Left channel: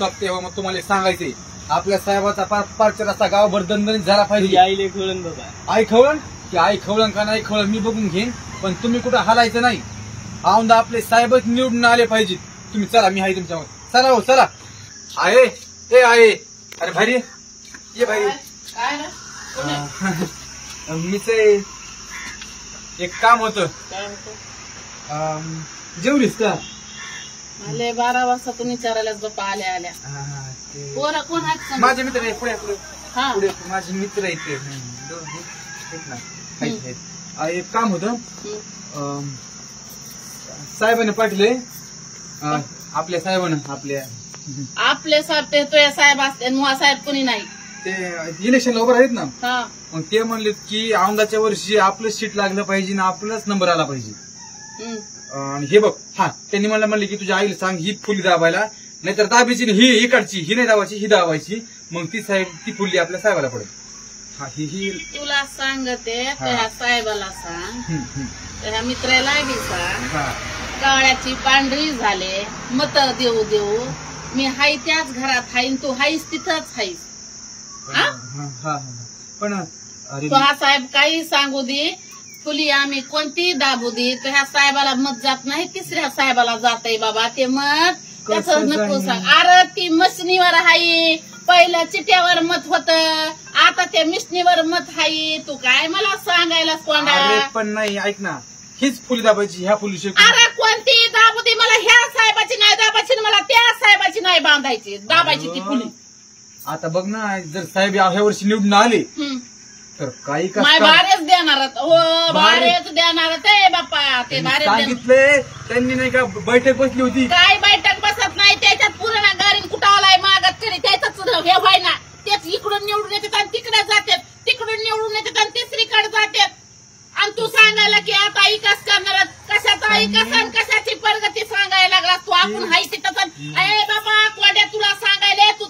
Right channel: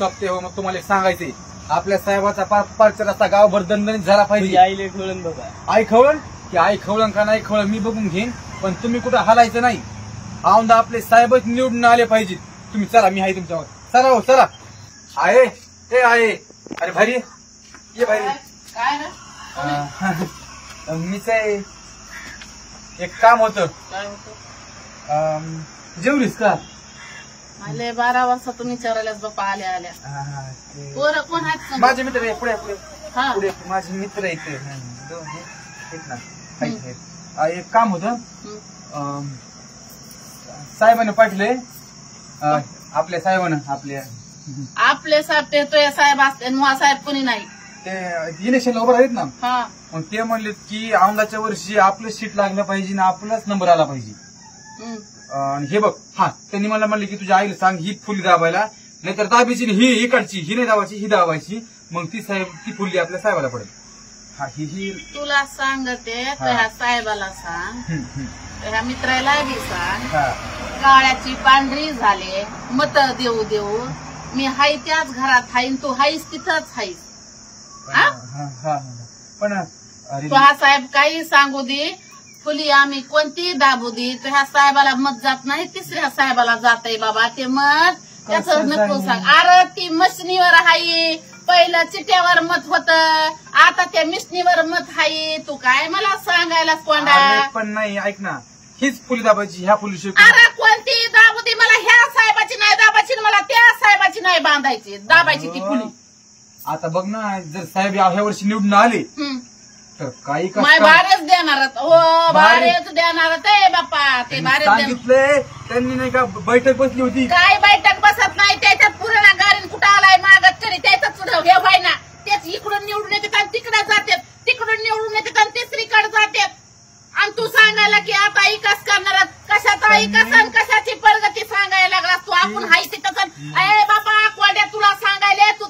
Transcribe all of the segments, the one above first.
सोबते हो. मग तुम्हाला सांगायचंय आपल्या साहेबाचा प्रचार असा गावभर दणदणीत झाला पाहिजे. आईले खवळण बघा. आई खवळण की आई खवळण का नाही खवळण मी बघून घेईन, पण तुम्ही कुठं हलायचं नाही. औंदा आपले साहेबच निवडून आले पाहिजेत. तुम्ही चला, मी आहे तुमच्यावर. चला हो चला. आहे ते आहे. अरे भारी ये भारी. काय ना मीच एक काम होतं. काय होतं? जेवलीस का? मला 12 वाजता तुम्ही विचारायलाच बाप्पा आल्या आल्या. पोरं कोण आहेत? माझे मित्र आहे. पुढे पुढे हा. पुढे माझे मित्र आहेत ते. ना एक काम होतं. साहेबांनी पाठवले. आपल्या साहेबांना आपले साहेब ते तुझे साहेब असते मुहा साहेब कोणी नाही. ते इलेक्शनला उभं आहेत ना. हा. मग ते म्हणले की औंदाच्या वर्षी आपलं सीट लागलं पाहिजे ना आपलाच नंबर आला पाहिजे. आणि हे बघ, हा त्यांनी मला म्हणले की तुझ्या आईला सांग ही फुली दाबायला, नाहीतर दाबायची ही इकडची, ही नाही दाबायची, ही दाबायची. मग ती फुली आपल्या साहेबाला पडेल. हा ही तुला सांगते त्या साहेबाला सांग, त्या मित्राला बी सांग. काळ्याची पांढरी झाले मत देऊ देऊ. मी हाय त्याच घरात हाय, तू हायस तिथंच हायस. पण तू हा साहेब काही सांगू दे, फुली आम्ही कोणती दाबू दे, त्या साहेबाला मत जात नाही, तिसऱ्या साहेबाला जात आहे बाबा ते मत. त्याचं नको सांग. अरे ती मशनीवर हाय, पहिलं चिट्यावर मत होत, आता त्या मिशनीवर मत हाय. तू काय मला सांगायला कोंडा? पण नाही, ऐक ना, हीच फुली दाबायची ह्या फुली. अरे कोणती दाबू दे, मला ह्या साहेबाची नाही दाबायची, मला त्या साहेबाची नाही बांधायची, दाबायची ती फुली. आता बघ ना, जर साहेब ह्या वर्षी निवडून आले तर काही भारेच देणार हो, भारेच देणार ते बाप्पा. ते भारेच सांगितले त्यांनी, नाही का बैठक बसली होती. काय बैठक बसत नाही, त्याच्यात पुराणा गाडीन कुठं आलाय मागत तरी त्याच हे व्हाय ना. तेच इकडून निवडून येतात आणि तिकडे जातात, तिकडून निवडून येतात आणि तिसरीकडे जातात. आणि तू सांगायला की आता विकास करणार, कशाचा विकास आणि कशाची प्रगती सांगायला लागला तू. आपण हाय तिथं. अरे बाबा कोड्या, तुला सांगायला तू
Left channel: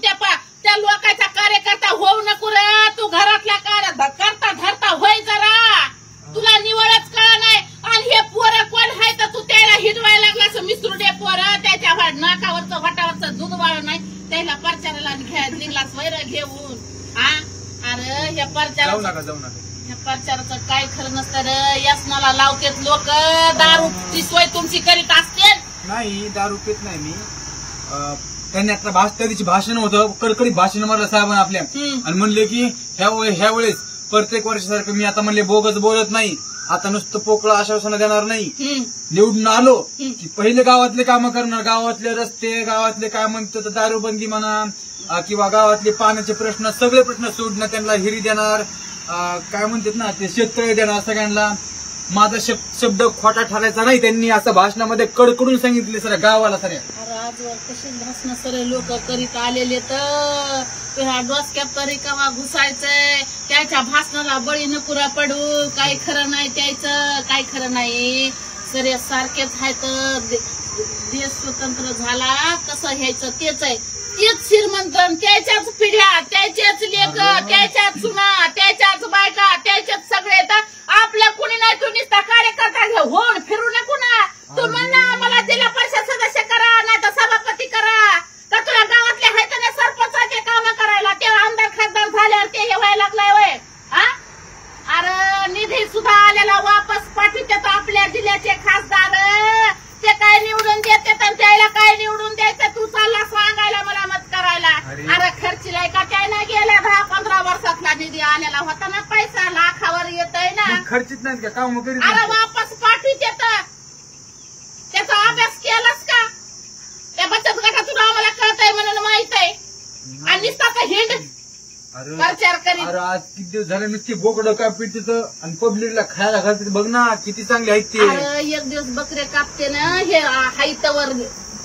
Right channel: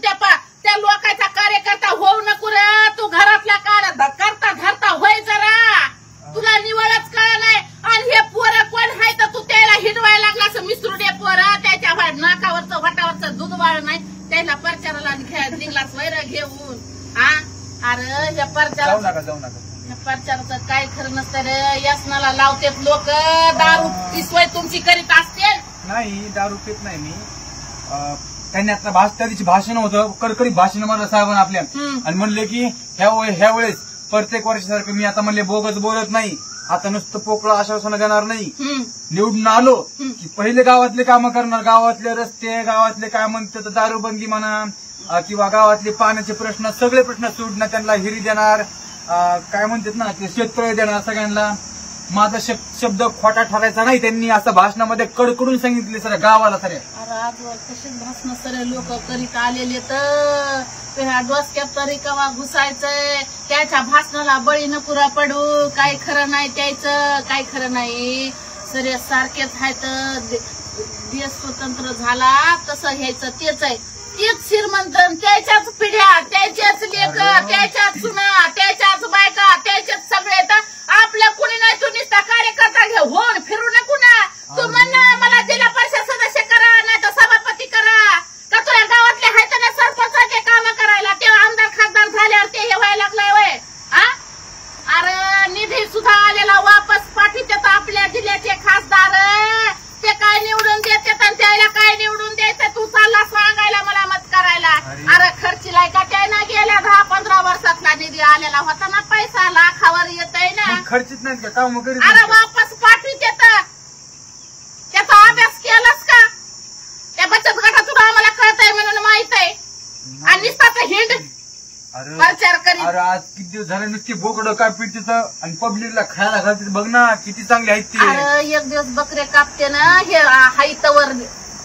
त्या लोकांचा कार्यकर्ता होऊ नको रे. तू घरातल्या करता धरता होय जरा, तुला निवडच कळ नाही. आणि हे पोरं कोण आहे तर तू त्याला हिडवायला लागला. मिसरुडे पोरं, त्याच्या नाकावरचं वाटावरचं दूध वाळ नाही, त्याला प्रचाराला निघलास वैर घेऊन. हा अरे हे प्रचार जाऊ नका. प्रचाराचं काय खरं नसतं रे. यासनाला लावतेत लोक. दारूची सोय तुमची करीत असते. नाही, दारू पित नाही मी. त्यांनी आता त्या दिवशी भाषण होतं, कडकडीत भाषण मारलं साहेबांना आपल्या. आणि म्हणले की ह्या वेळेस प्रत्येक वर्षासारखं मी आता म्हणले बोगस बोलत नाही, आता नुसतं पोकळं आश्वासन देणार नाही. निवडून आलो की पहिले गावातले कामं करणार, गावातले रस्ते, गावातले काय म्हणतात दारूबंदी म्हणा किंवा गावातले पाण्याचे प्रश्न, सगळे प्रश्न सोडणार. त्यांना हिरी देणार, काय म्हणतात ना ते शेततळे देणार सगळ्यांना. माझा शब्द खोटा ठरायचा नाही. त्यांनी असं भाषणामध्ये कडकडून सांगितले सर गावाला सर. अरे आजवर कसेच भाषण सरे लोक करीत आलेले तर ह्या डोसक्यात तरी कवा घुसायचंय. त्याच्या भाषणाला बळी नपुरा पडू. काय खरं नाही त्याचं, काय खरं नाही. सरे सारखेच आहे तर देश स्वतंत्र झाला कसं घ्यायचं तेच आहे. तेच श्रीमंत, त्याच्याच पिढ्या, त्याच्याच लेक, त्याच्याच सुना, त्याच्याच बायका, त्याच्याच सगळे. आपलं कुणी नाही. तू नुसता कार्यकर्ता घे होऊन फिरू नको ना. तू म्हणणं मला जिल्हा परिषद सदस्य करा, नाही तर सभापती करा. का तुला गावातले आहेत ना सरपंचाचे काम करायला, ते आमदार खासदार झाल्यावर ते हे व्हायला लागलाय वय. अरे निधी सुद्धा आलेला वापस पाठवतात आपल्या जिल्ह्याचे खासदार. ते काय निवडून देतात आणि त्याला काय निवडून द्यायचं. तू चालला सांगायला मला मत करायला. अरे खर्चीलाय का त्यानं गेल्या 10-15 वर्षातला निधी आलेला होता ना, पैसा लाखावर येतय ना. खर्चित नाहीत का काम करीत? अरे वापस पाठवीत येतं. त्याचा अभ्यास केलास का? त्या बचत गटातून आम्हाला कळतंय म्हणून माहित आहे. आणि नुसता हिंड प्रचार करीत. अरे आज किती दिवस झाले नुसती बोकडं काय पिळते आणि पब्लिकला खायला घालते. बघ ना किती चांगले आहेत ते. अरे एक दिवस बकरे कापते ना, हे हायतवर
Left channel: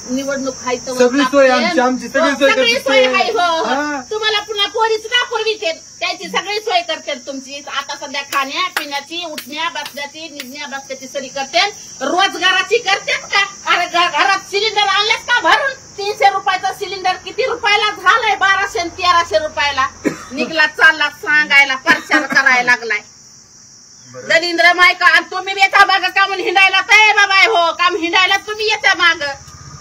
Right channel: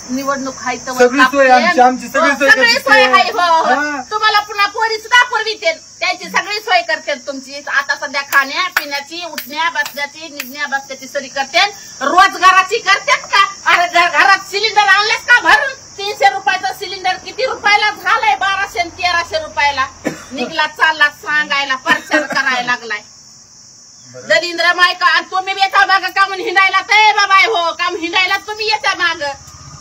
निवडणूक हायतवर सगळी सोय आमची सगळी सोय आहे. हो तुम्हाला पुन्हा पोरी सुद्धा पुरविते, त्याची सगळी सोय करते तुमची. आता सध्या खाण्या पिण्याची, उठण्या बसण्याची, निघण्या बसण्याची सरी करते. रोजगाराची करतात का? अरे घरात सिलेंडर आणलेस का भरून? 300 रुपयाचं सिलेंडर किती रुपयाला झालंय? 1200 आणि 1300 रुपयाला निघला चालला सांगायला, प्रचार करायला लागलाय. दलिंद्र मायका. आणि तुम्ही येता माग काम हिंडायला. ते बाबा हो काम हिंडायला तुम्ही येता माग.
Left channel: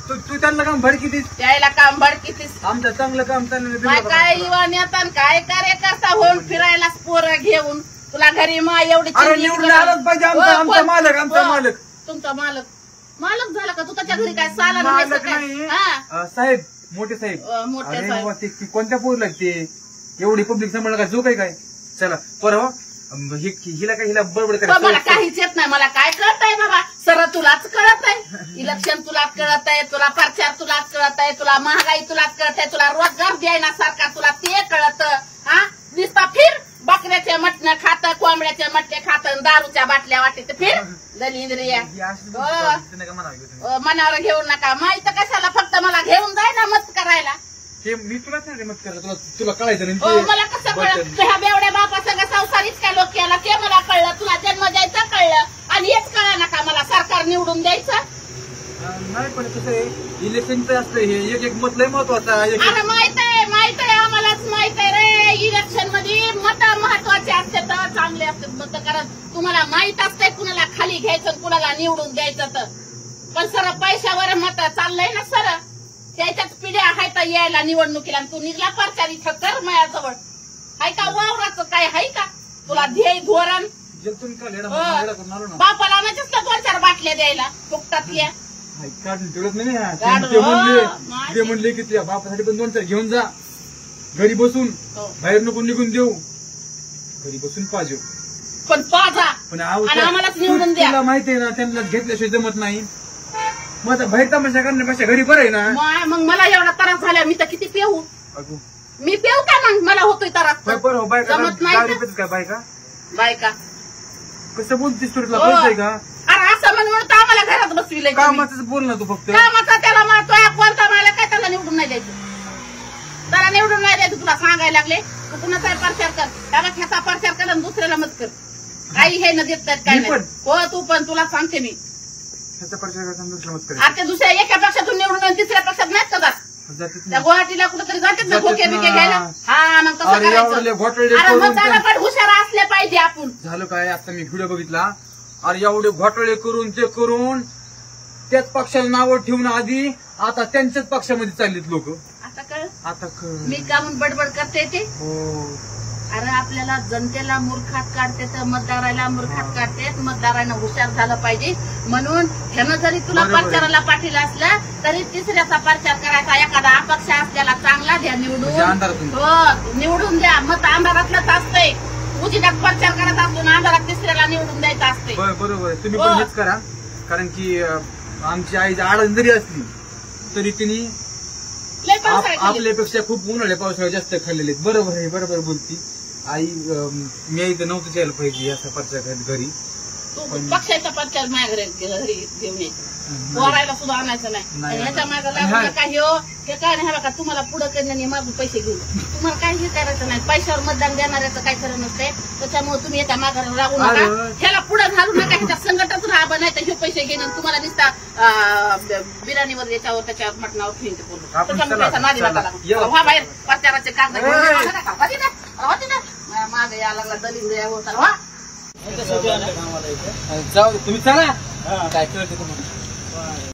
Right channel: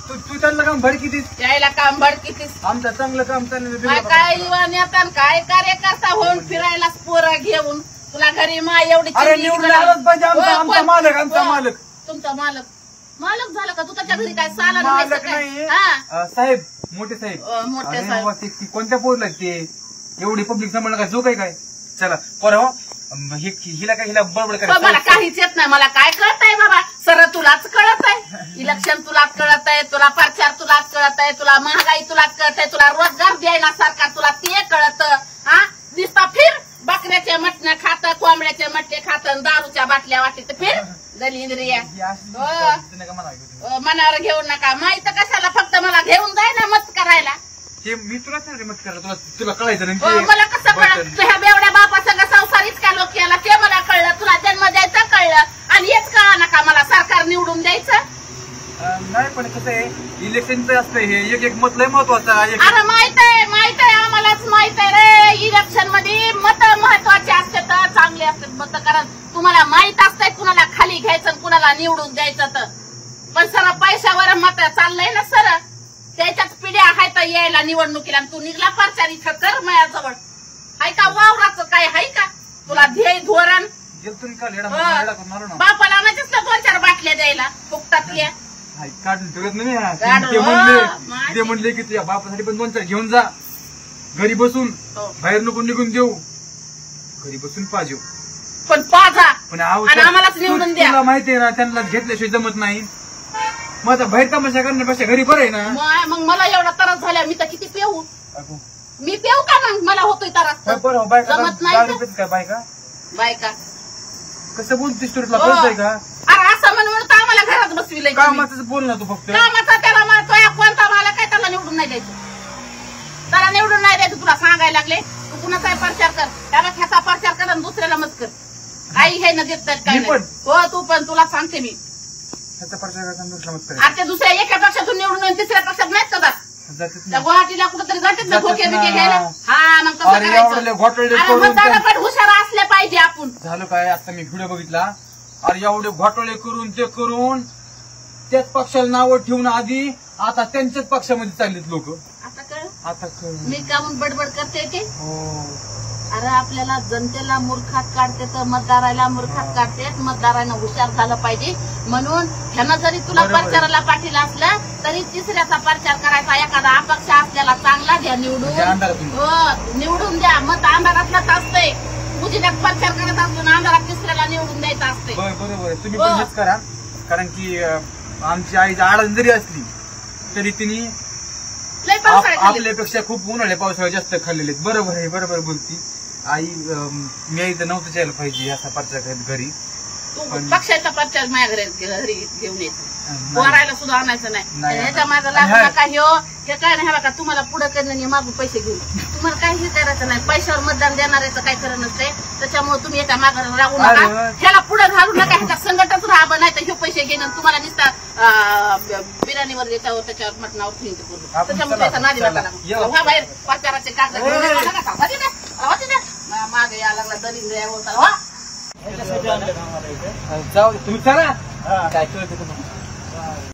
तू त्यांना काम भर किती यायला काम भडकीतीस आमचं चांगलं काम काय काय युवा नेता काय कार्यकर्ता होऊन फिरायला पोरं घेऊन तुला घरी मा एवढी अरे निवडून आलंच पाहिजे आमचा मालक आमचा मालक तुमचा मालक झाला का तू त्याच्या घरी काय साला मालक नाही साहेब मोठे साहेब मोठे अरे साहेब वा, ते कोणत्या पोरला ते एवढी पब्लिक सांभाळलं का जो काय चला परवा हिला बडबड मला करायचं काहीच येत नाही मला काय कळत आहे बाबा सर तुलाच कळत आहे इलेक्शन तुलाच कळत आहे तुला प्रचार तुलाच कळत आहे तुला महागाई तुलाच कळत आहे तुला रोजगार द्यायला सरकार तुला ते कळत हा दिसता फिर बकऱ्याच्या मटण्या खातं कोंबड्याच्या मटणे खातं दारूच्या बाटल्या वाटते फिर दलिंद्रिया मनावर घेऊ नका माहित कशाला फक्त मला घेऊन जाय ना मत करायला ते मी तुलाच नाही रे मत करायला तुला कळायचं नाही मला कसं कळलं तुझ्या बेवड्या बापा सगळं संसार इतक्या लोक केला ते मला कळलं तुला जन्म द्यायचं कळलं आणि हेच कळा नका मला सरकार निवडून द्यायचं नाही पण कसं आहे इलेक्शनचं असतं हे एक मत लय महत्वाचं आहे अरे माहित आहे आम्हालाच माहित आहे रे इलेक्शन मध्ये मत महत्वाचे असतात चांगले असतात मत कारण तुम्हाला माहित असतंय कुणाला खाली घ्यायचं कुणाला निवडून द्यायचं तर पण सर पैशावर मत चाललंय ना सर त्याच्याच पिढ्या हाय तर यायला निवडणुकीला तू निघला प्रचार इथं कर माझ्याजवळ हाय का वावराचं काय हाय का तुला ध्येय धोरण बापाला आणायचंच तर 2-4 बाटल्या द्यायला फुकटातल्या काढून ठेवत नाही ते म्हणले की तुझ्या बापासाठी पण 2-4 घेऊन जा घरी बसून बाहेर नको निघून देऊ घरी बसून पाहिजे पण पाजा पण आम्हालाच निवडून द्या तुला माहितीये ना त्यांना घेतल्याशिवाय जमत नाही मग आता बाहेर तमाशा करण्यापेक्षा घरी बरं आहे ना मग मला एवढा त्रास झाला मी तर किती पेऊ मी पेऊ का मग मला होतोय त्रास जमत नाही काय बायका कसं बोलतेस तुला कळतंय का अरे असं म्हणून तर आम्हाला घरात बसविलंय कामाचं बोल ना तू फक्त कामाचा त्याला म्हणतोय कोणता मला काय त्याला निवडून नाही द्यायचं त्याला निवडून नाही द्यायचं तुला सांगायला लागले तू कुणाचा प्रचार कर त्याला ह्याचा प्रचार कर आणि दुसऱ्याला मत कर काही हे न देत काय हो तू पण तुला सांगते मी ह्याचा प्रचार करताना आता दुसऱ्या एका पक्षातून निवडून तिसऱ्या पक्षात नाहीत का त्या गुवाहाटीला कुठेतरी जातात ना खोके बिके घ्यायला हा मग कसं पण हुशार असले पाहिजे आपण झालं काय आता मी व्हिडिओ बघितला अरे एवढे घोटाळे करून ते करून त्याच पक्षाला नावं ठेवून आधी आता त्यांच्याच पक्षामध्ये चाललेत लोक आता मी का म्हणून बडबड करते ते अरे आपल्याला जनतेला मूर्खात काढते तर मतदाराला मूर्खात काढते मतदारानं हुशार झालं पाहिजे म्हणून ह्यानं जरी तुला प्रचाराला पाठीला असलं तरी तिसऱ्याचा प्रचार करायचा एखादा अपक्ष असल्याला चांगला द्या निवडून हो निवडून द्या मत अंधारातलंच असतंय उजिरात प्रचार करत असतो ना अंधारात तिसऱ्याला निवडून द्यायचं असते बरोबर आहे तुम्ही पण हेच करा कारण की आमची आई आडण जरी असली तरी तिने आपल्यापेक्षा खूप उन्हाळ्या पावसाळ्यात जास्त खाल्लेले आहेत बरोबर बोलती आई मी इथं नव्हतं यायला पाहिजे असा प्रचार घरी पक्षाचा प्रचार माझ्या घरी घेऊन यायचं पोरायला सुद्धा आणायचं नाही ह्याच्या मागे लागू नका हे काय नाही बघा तुम्हाला पुढे करणं मागून पैसे घेऊन तुम्हाला काही करायचं नाही पैशावर मतदान देणाऱ्याचं काय खरं नसतंय त्याच्यामुळे तुम्ही याच्या मागे राहू नका ह्याला पुढे घालू नका ह्याच्या संकटच राहा नाही तर हे पैसे घेणे तुम्हाला निसता बिर्याणीवर याच्यावर त्याच्यावर मटणावर ठेवून त्याच्यामुळे त्याचा नादी नका लागू बाहेर प्रचाराचे कागद मागे या लागला दलिंद्रिया होता जाऊ तुम्ही चला काय कळतं तुम्हाला